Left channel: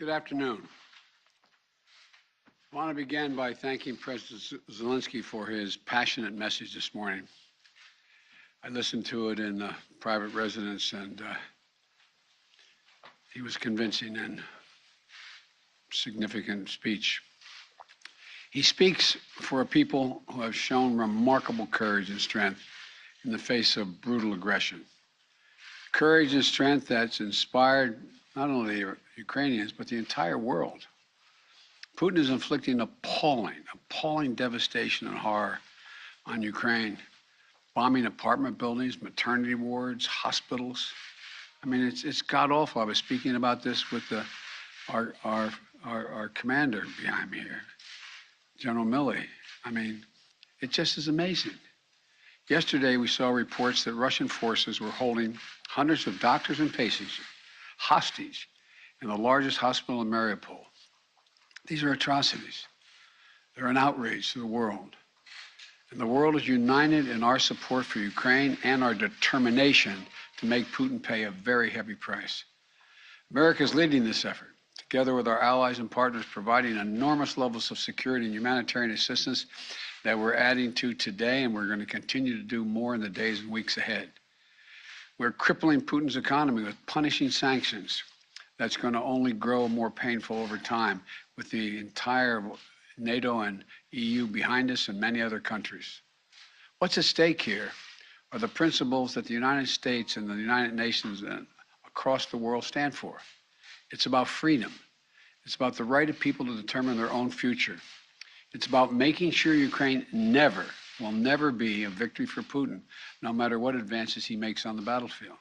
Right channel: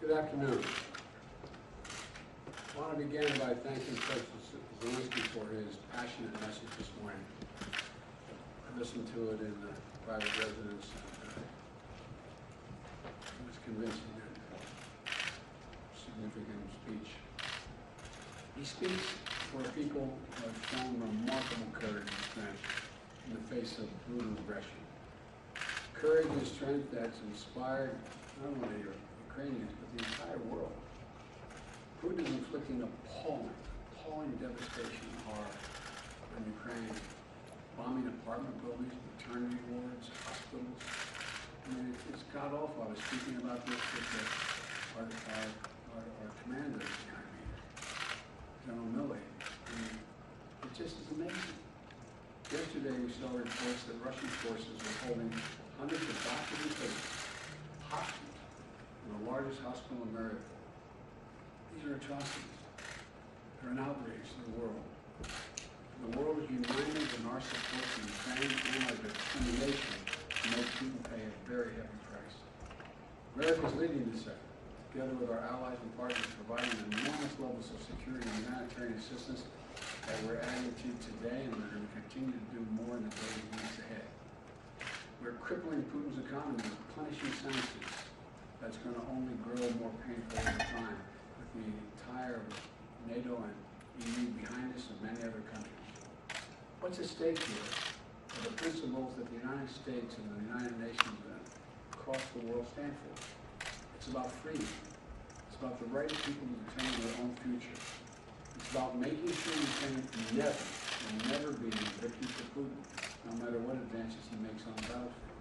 Good afternoon. I want to begin by thanking President Zelensky for his passionate message this morning. I listened to it in the private residence, and he was convincing and significant speech. He speaks for a people who have shown remarkable courage and strength in the face of brutal aggression. Courage and strength that's inspired not only Ukrainians, but the entire world. Putin is inflicting appalling devastation and horror on Ukraine, bombing apartment buildings, maternity wards, hospitals. I mean, it's god-awful. I was speaking about this with our commander behind me here, General Milley. I mean, it just is amazing. Yesterday, we saw reports that Russian forces were holding hundreds of doctors and patients hostage in the largest hospital in Mariupol. These are atrocities. They're an outrage to the world. And the world is united in our support for Ukraine and our determination to make Putin pay a very heavy price. America is leading this effort, together with our allies and partners, providing enormous levels of security and humanitarian assistance that we're adding to today, and we're going to continue to do more in the days and weeks ahead. We're crippling Putin's economy with punishing sanctions that's going to only grow more painful over time, with the entire NATO and EU behind us and many other countries. What's at stake here are the principles that the United States and the United Nations and across the world stand for. It's about freedom. It's about the right of people to determine their own future. It's about making sure Ukraine will never be a victory for Putin, no matter what advances he makes on the battlefield.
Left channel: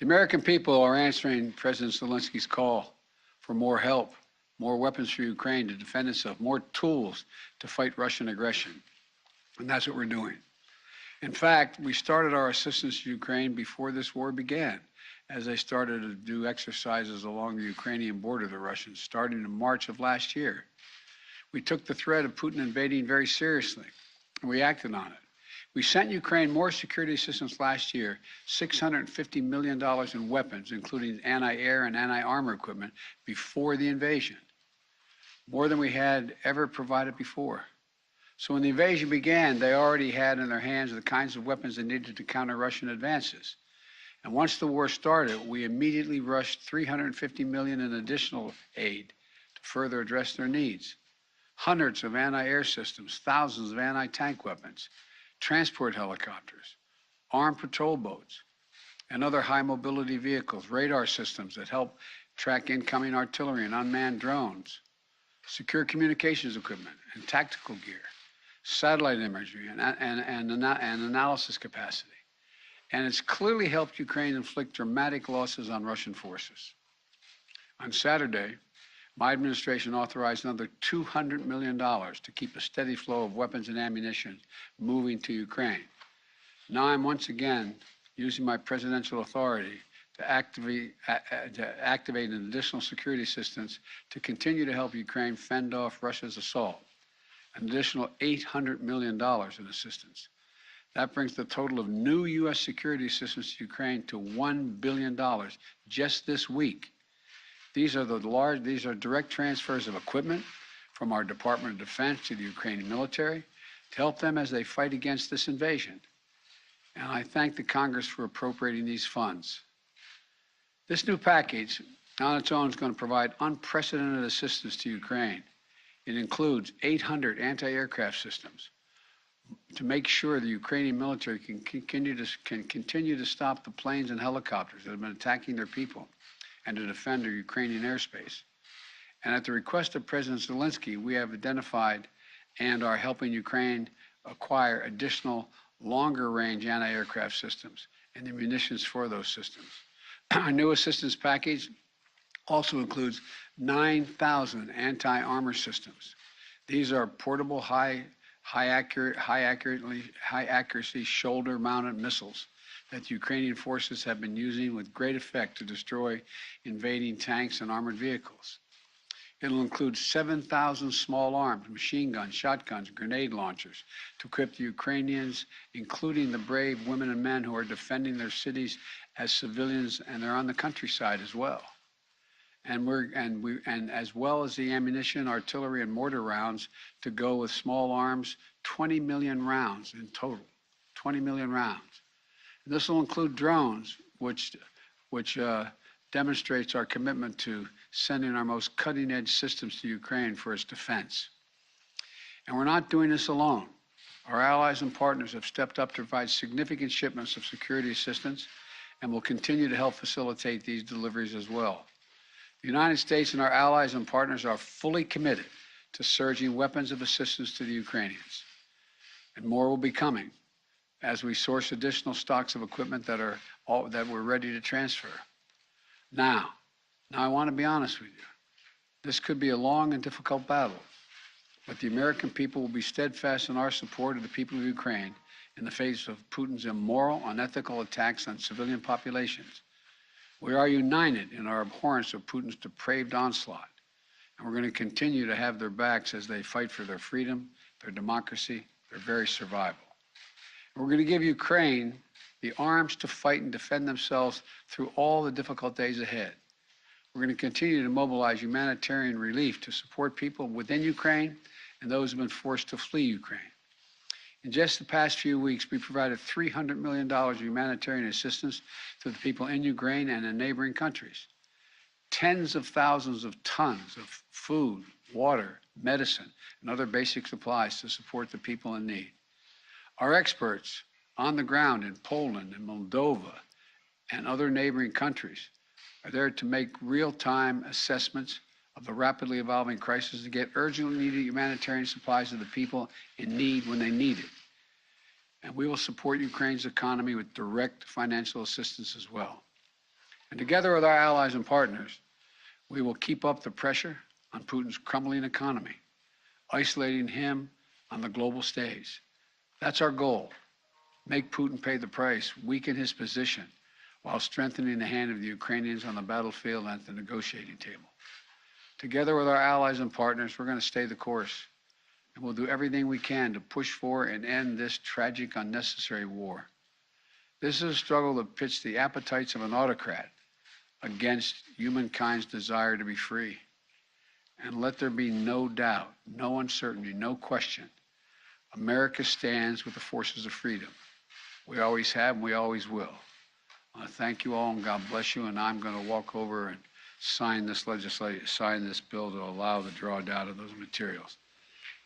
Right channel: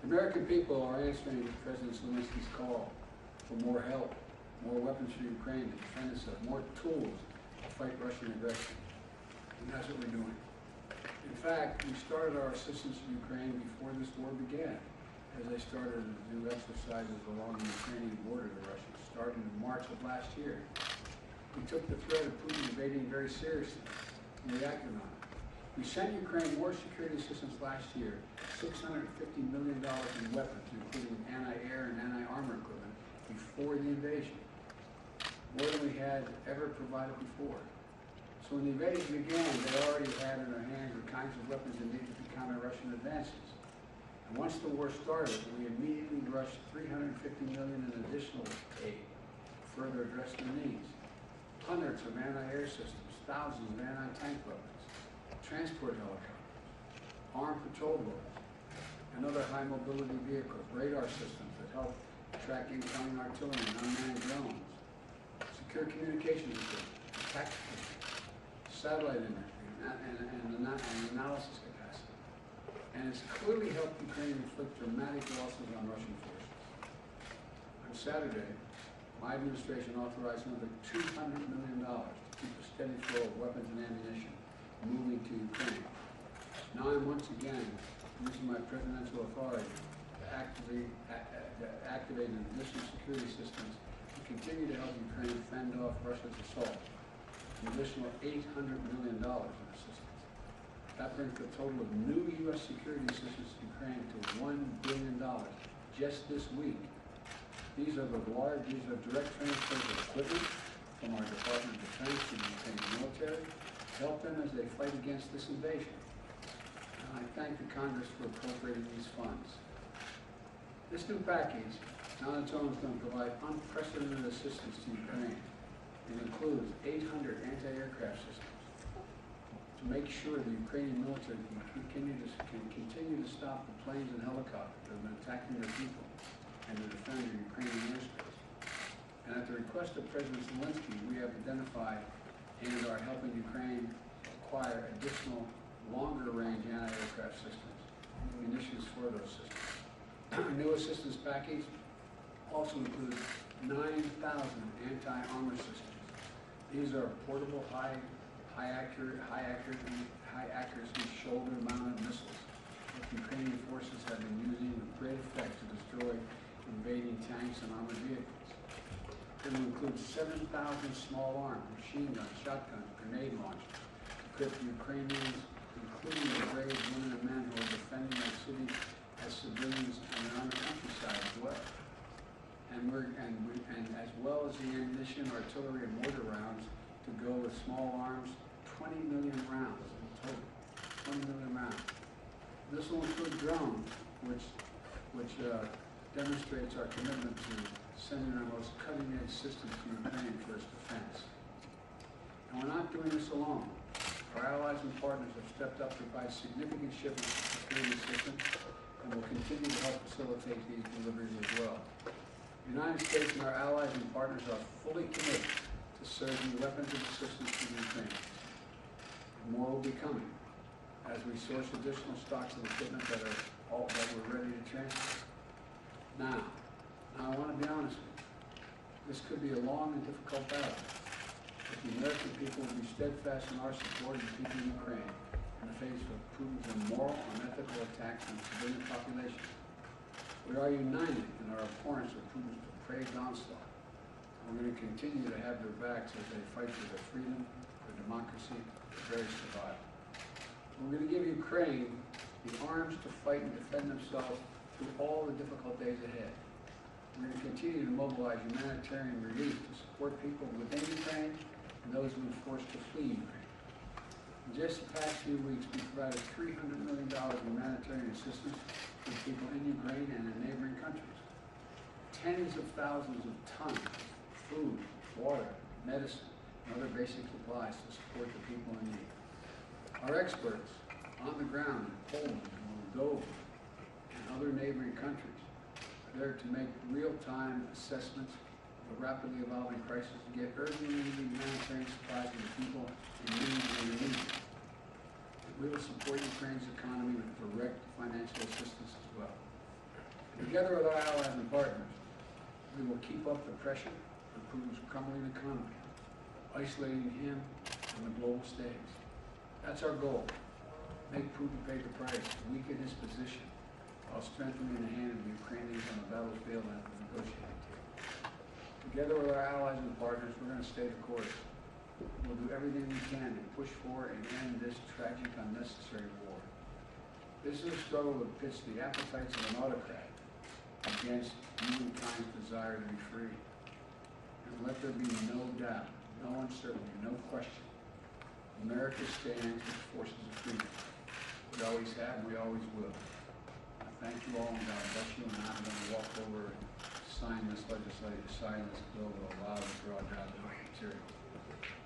The American people are answering President Zelensky's call for more help, more weapons for Ukraine to defend itself, more tools to fight Russian aggression. And that's what we're doing. In fact, we started our assistance to Ukraine before this war began, as they started to do exercises along the Ukrainian border, the Russians, starting in March of last year. We took the threat of Putin invading very seriously, and we acted on it. We sent Ukraine more security assistance last year, $650 million in weapons, including anti-air and anti-armor equipment, before the invasion, more than we had ever provided before. So when the invasion began, they already had in their hands the kinds of weapons they needed to counter Russian advances. And once the war started, we immediately rushed $350 million in additional aid to further address their needs. Hundreds of anti-air systems, thousands of anti-tank weapons, transport helicopters, armed patrol boats, and other high-mobility vehicles, radar systems that help track incoming artillery and unmanned drones, secure communications equipment and tactical gear, satellite imagery and analysis capacity. And it's clearly helped Ukraine inflict dramatic losses on Russian forces. On Saturday, my administration authorized another $200 million to keep a steady flow of weapons and ammunition moving to Ukraine. Now I'm once again using my presidential authority to activate an additional security assistance to continue to help Ukraine fend off Russia's assault, an additional $800 million in assistance. That brings the total of new U.S. security assistance to Ukraine to $1 billion just this week. These are direct transfers of equipment from our Department of Defense to the Ukrainian military to help them as they fight against this invasion. And I thank the Congress for appropriating these funds. This new package on its own is going to provide unprecedented assistance to Ukraine. It includes 800 anti-aircraft systems to make sure the Ukrainian military can continue to stop the planes and helicopters that have been attacking their people and to defend their Ukrainian airspace. And at the request of President Zelensky, we have identified and are helping Ukraine acquire additional longer-range anti-aircraft systems and the munitions for those systems. Our new assistance package also includes 9,000 anti-armor systems. These are portable, high accuracy shoulder-mounted missiles that the Ukrainian forces have been using with great effect to destroy invading tanks and armored vehicles. It'll include 7,000 small arms, machine guns, shotguns, grenade launchers to equip the Ukrainians, including the brave women and men who are defending their cities as civilians, and they're on the countryside as well. and as well as the ammunition, artillery, and mortar rounds to go with small arms, 20 million rounds in total, 20 million rounds. This will include drones, which demonstrates our commitment to sending our most cutting-edge systems to Ukraine for its defense. And we're not doing this alone. Our allies and partners have stepped up to provide significant shipments of security assistance and will continue to help facilitate these deliveries as well. The United States and our allies and partners are fully committed to surging weapons of assistance to the Ukrainians. And more will be coming as we source additional stocks of equipment that we're ready to transfer. Now I want to be honest with you. This could be a long and difficult battle, but the American people will be steadfast in our support of the people of Ukraine in the face of Putin's immoral, unethical attacks on civilian populations. We are united in our abhorrence of Putin's depraved onslaught, and we're going to continue to have their backs as they fight for their freedom, their democracy, their very survival. We're going to give Ukraine the arms to fight and defend themselves through all the difficult days ahead. We're going to continue to mobilize humanitarian relief to support people within Ukraine and those who have been forced to flee Ukraine. In just the past few weeks, we provided $300 million of humanitarian assistance to the people in Ukraine and in neighboring countries. Tens of thousands of tons of food, water, medicine, and other basic supplies to support the people in need. Our experts on the ground in Poland and Moldova and other neighboring countries are there to make real-time assessments of the rapidly evolving crisis to get urgently needed humanitarian supplies to the people in need when they need it. And we will support Ukraine's economy with direct financial assistance as well. And together with our allies and partners, we will keep up the pressure on Putin's crumbling economy, isolating him on the global stage. That's our goal. Make Putin pay the price, weaken his position, while strengthening the hand of the Ukrainians on the battlefield and at the negotiating table. Together with our allies and partners, we're going to stay the course. And we'll do everything we can to push for and end this tragic, unnecessary war. This is a struggle that pits the appetites of an autocrat against humankind's desire to be free. And let there be no doubt, no uncertainty, no question. America stands with the forces of freedom. We always have, and we always will. I thank you all, and God bless you. And I'm going to walk over and sign this bill to allow the drawdown of those materials.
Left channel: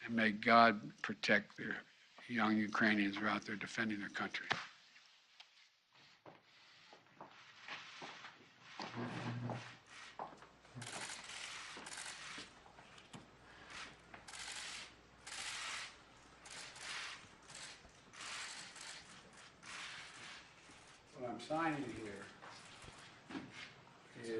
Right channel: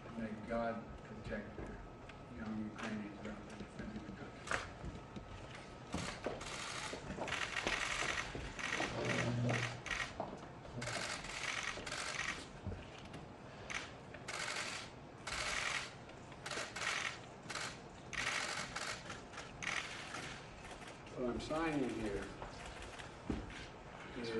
And may God protect their young Ukrainians who are out there defending their country. What I'm signing here is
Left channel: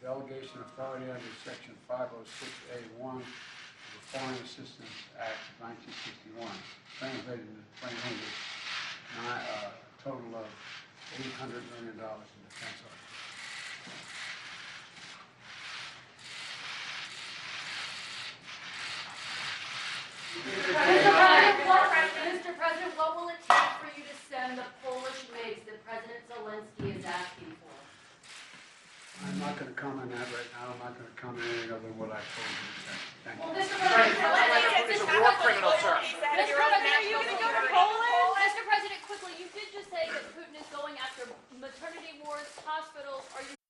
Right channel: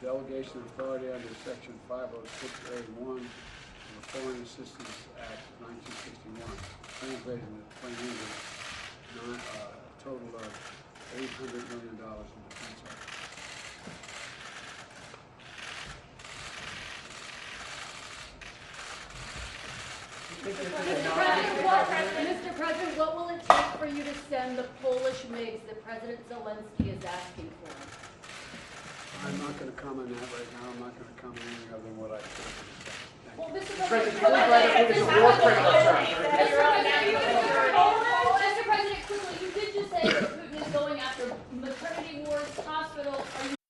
delegation authority under Section 506A1 of the Foreign Assistance Act of 1961, translated into plain English, a total of $800 million in defense art. Mr. President, what will it take for you to send the Polish MiGs that President Zelensky is asking for? I'm not going to comment on that right now. I'm not going to comment anything other than what I told you to say. Thank you. Well, Mr. President, This is a war criminal, sir. Mr. President, quickly, you did just say that Putin is going after maternity wards, hospitals. Are you